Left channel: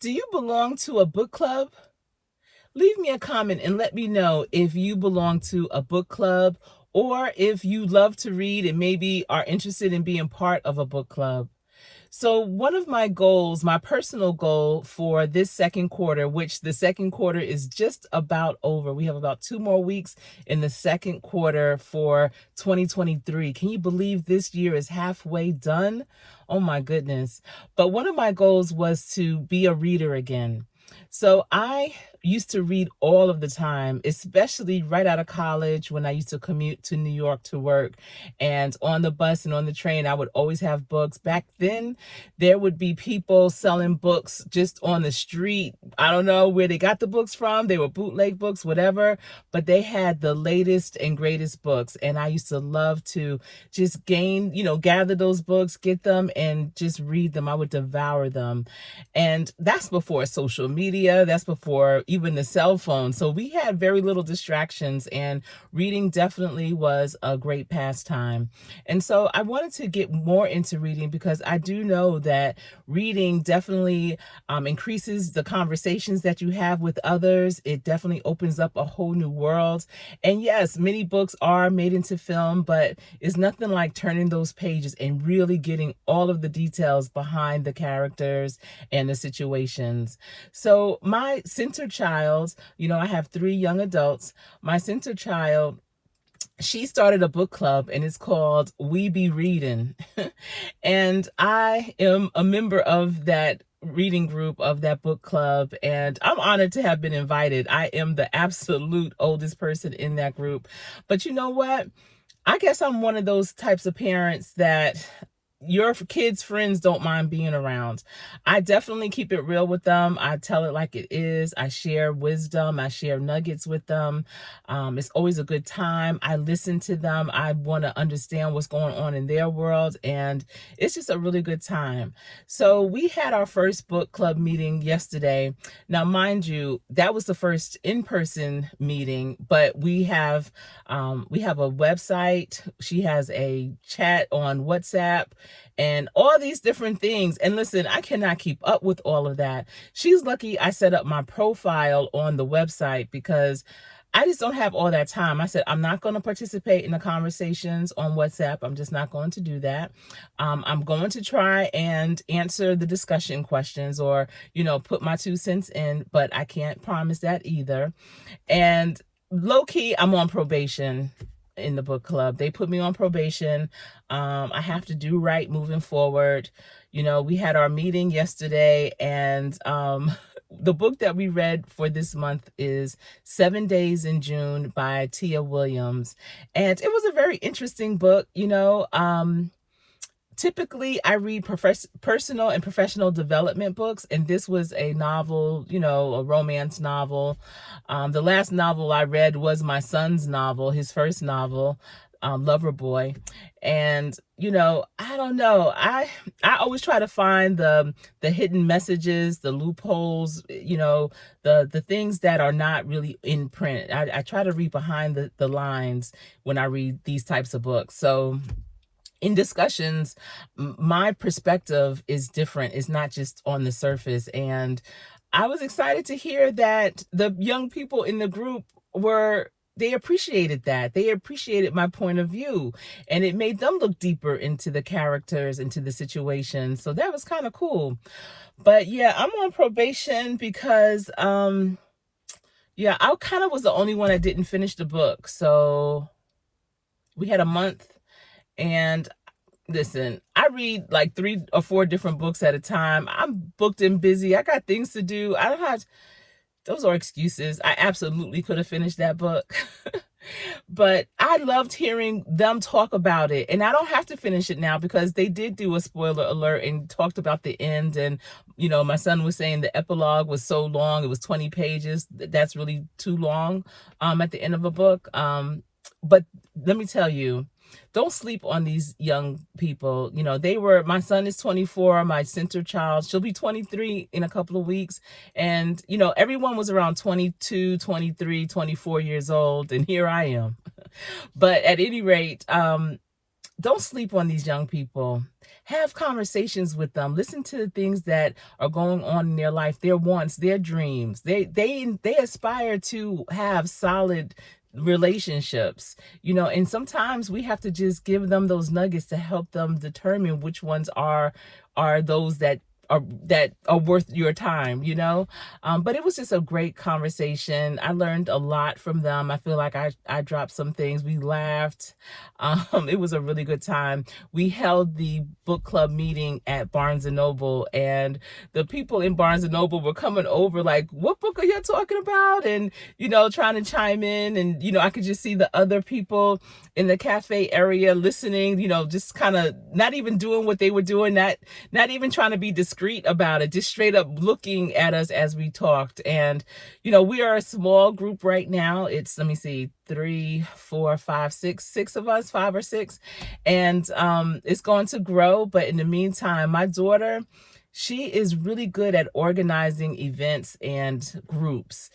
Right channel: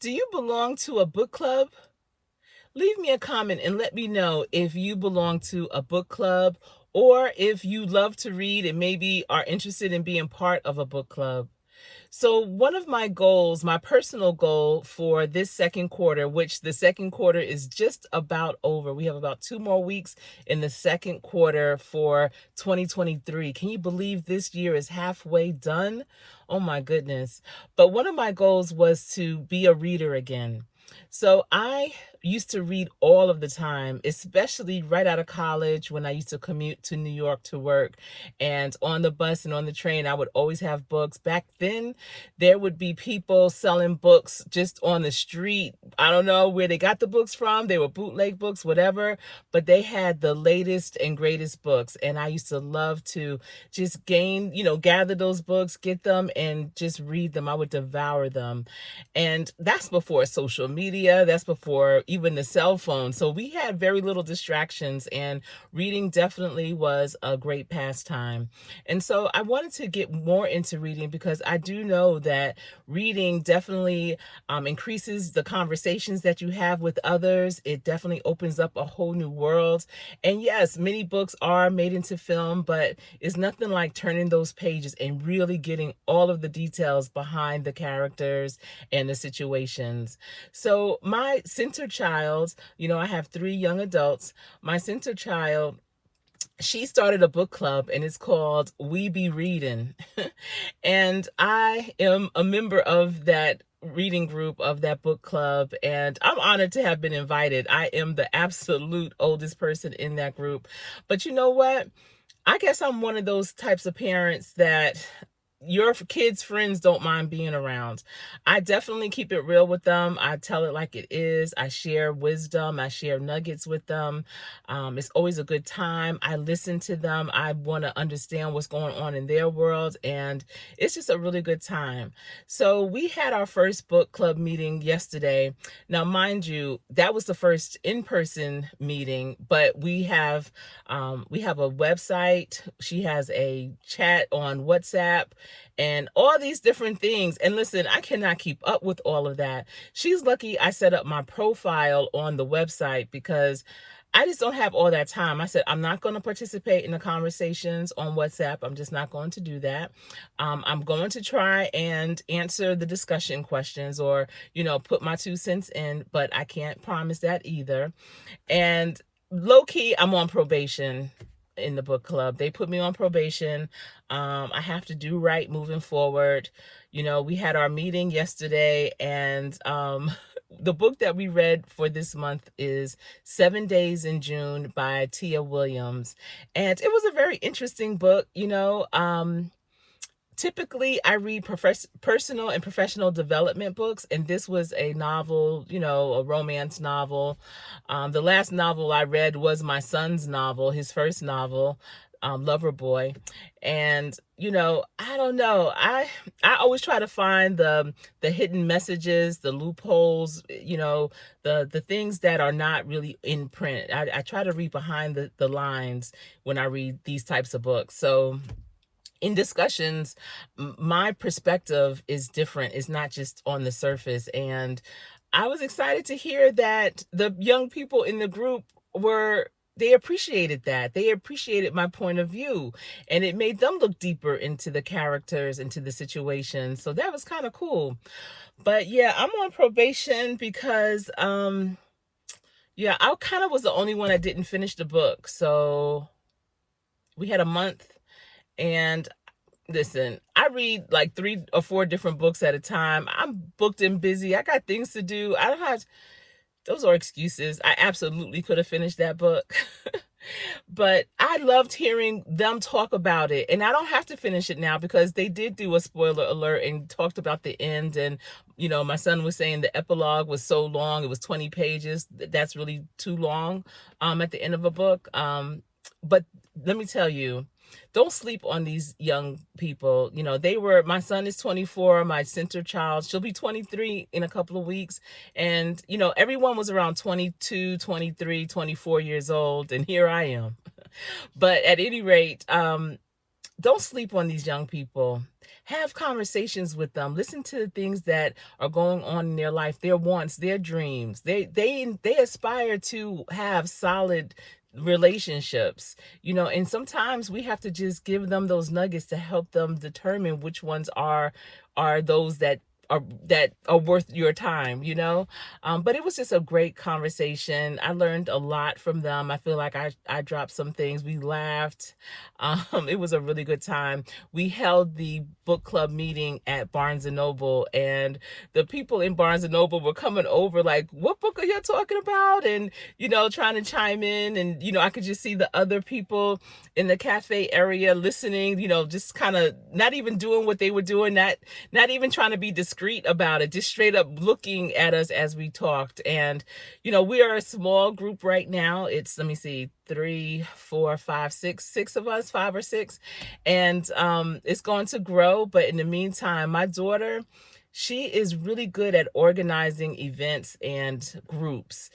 Do you belong to a book club? Leave me a comment and let me know if you belong to a book club or if you love to read and maybe are interested in being part of a book club. So, one of my goals, my personal goal for this second quarter, which the second quarter is just about over. We have about 2 more weeks in the second quarter for 2023. Can you believe this year is halfway done? Oh my goodness. But one of my goals was to be a reader again. So I used to read all of the time, especially right out of college when I used to commute to New York to work. And on the bus and on the train, I would always have books. Back then, there would be people selling books just on the street. I don't know where they got the books from. They were bootleg books, whatever, but they had the latest and greatest books. And I used to love to just gather those books, get them, and just read them. I would devour them. And that's before social media, that's before even the cell phone. So we had very little distractions, and reading definitely was a great pastime. And so I wanted to get more into reading because I do know that reading definitely increases the conversations that you have with others. It definitely opens up a whole new world. And yes, many books are made into film, but it's nothing like turning those pages and really getting all of the details behind the characters and the situations. So my center child, I have 3 young adults. My center child, she started a book club and it's called We Be Reading. And I am a member of that reading group, of that book club, and I'm honored to have been invited. I am the absolute oldest person in that group. But you know what? I guess I'm one of those types of parents that your kids' friends don't mind being around. I definitely keep it real with them. I tell it like it is. I share wisdom. I share nuggets with them. It's always a good time. I listen to them. I want to understand what's going on in their world, and it's just a really good time. So we had our first book club meeting yesterday. Now, mind you, that was the first in-person meeting, but we have a website. She has a chat on WhatsApp and all these different things. And listen, I cannot keep up with all of that. She's lucky I set up my profile on the website because I just don't have all that time. I said, I'm not going to participate in the conversations on WhatsApp. I'm just not going to do that. I'm going to try and answer the discussion questions or, put my 2 cents in, but I can't promise that either. And low key, I'm on probation in the book club. They put me on probation. I have to do right moving forward. We had our meeting yesterday, and the book that we read for this month is 7 Days in June by Tia Williams. And it was a very interesting book. Typically, I read personal and professional development books, and this was a novel, a romance novel. The last novel I read was my son's novel, his first novel, Lover Boy. And, I don't know. I always try to find the hidden messages, the loopholes, the things that are not really in print. I try to read behind the lines when I read these types of books. So in discussions, my perspective is different. It's not just on the surface. And I was excited to hear that the young people in the group they appreciated that. They appreciated my point of view, and it made them look deeper into the characters, into the situation. So that was kind of cool. But yeah, I'm on probation because, yeah, I kind of was the only one that didn't finish the book. So we had a month. And listen, I read like 3 or 4 different books at a time. I'm booked and busy. I got things to do. I don't have, those are excuses. I absolutely could have finished that book. But I loved hearing them talk about it. And I don't have to finish it now because they did do a spoiler alert and talked about the end. And, my son was saying the epilogue was so long. It was 20 pages. That's really too long at the end of a book. But let me tell you, don't sleep on these young people. My son is 24, my center child, she'll be 23 in a couple of weeks. And, everyone was around 22, 23, 24 years old. And here I am. But at any rate, don't sleep on these young people. Have conversations with them. Listen to the things that are going on in their life, their wants, their dreams. They aspire to have solid relationships, and sometimes we have to just give them those nuggets to help them determine which ones are those that are worth your time. But it was just a great conversation. I learned a lot from them. I feel like I dropped some things. We laughed. It was a really good time. We held the book club meeting at Barnes and Noble, and the people in Barnes and Noble were coming over like, what book are you talking about? And trying to chime in. And I could just see the other people in the cafe area listening, just kind of not even doing what they were doing, not even trying to be discreet about it, just straight up looking at us as we talked. And we are a small group right now. It's, let me see, 3, 4, 5, 6 of us, 5 or 6, and it's going to grow. But in the meantime, my daughter, she is really good at organizing events and groups.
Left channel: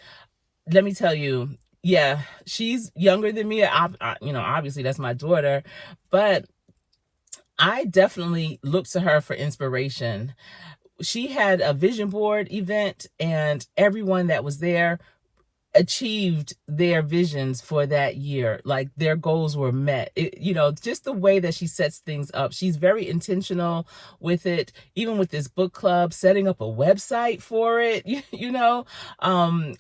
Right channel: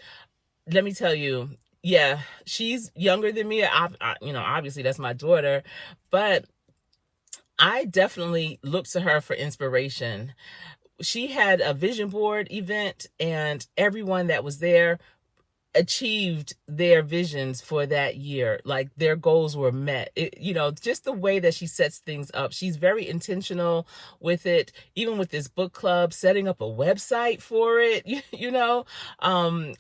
Let me tell you, yeah, she's younger than me. Obviously that's my daughter, but I definitely look to her for inspiration. She had a vision board event, and everyone that was there achieved their visions for that year. Like, their goals were met. Just the way that she sets things up. She's very intentional with it, even with this book club, setting up a website for it, a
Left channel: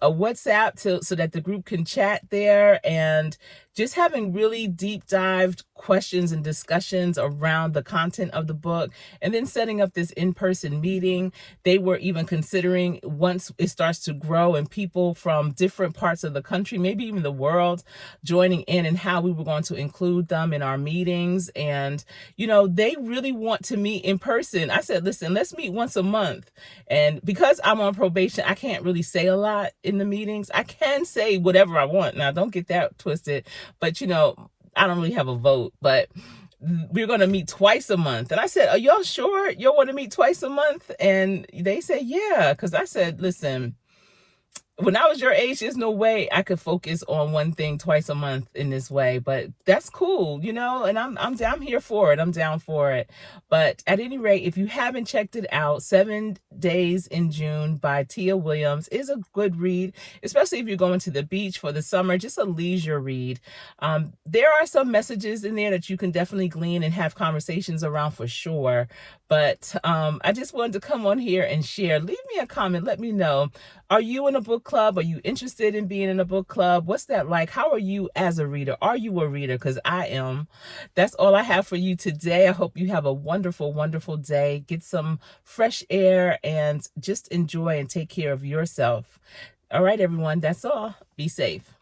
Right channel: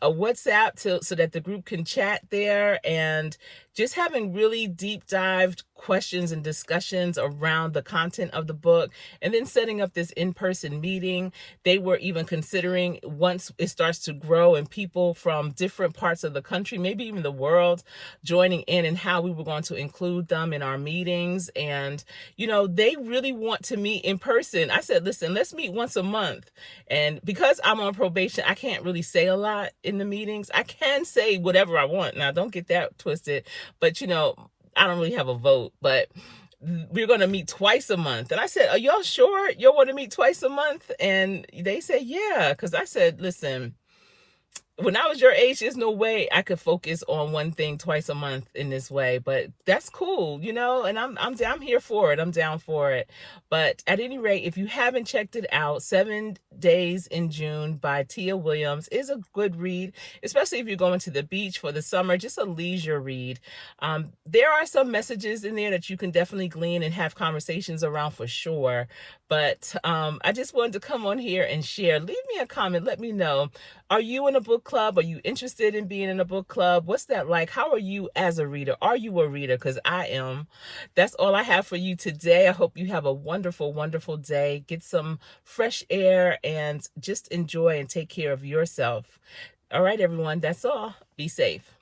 WhatsApp so that the group can chat there, and just having really deep dived questions and discussions around the content of the book, and then setting up this in-person meeting. They were even considering, once it starts to grow and people from different parts of the country, maybe even the world, joining in, and how we were going to include them in our meetings. And they really want to meet in person. I said, listen, let's meet once a month. And because I'm on probation, I can't really say a lot in the meetings. I can say whatever I want. Now, don't get that twisted, but I don't really have a vote. But we're going to meet twice a month. And I said, are y'all sure y'all want to meet twice a month? And they said, yeah. Because I said, listen, when I was your age, there's no way I could focus on one thing twice a month in this way. But that's cool, and I'm here for it. I'm down for it. But at any rate, if you haven't checked it out, 7 Days in June by Tia Williams is a good read, especially if you're going to the beach for the summer. Just a leisure read. There are some messages in there that you can definitely glean and have conversations around for sure. But I just wanted to come on here and share. Leave me a comment. Let me know. Are you in a book club? Are you interested in being in a book club? What's that like? How are you as a reader? Are you a reader? Because I am. That's all I have for you today. I hope you have a wonderful, wonderful day. Get some fresh air and just enjoy and take care of yourself. All right, everyone. That's all. Be safe.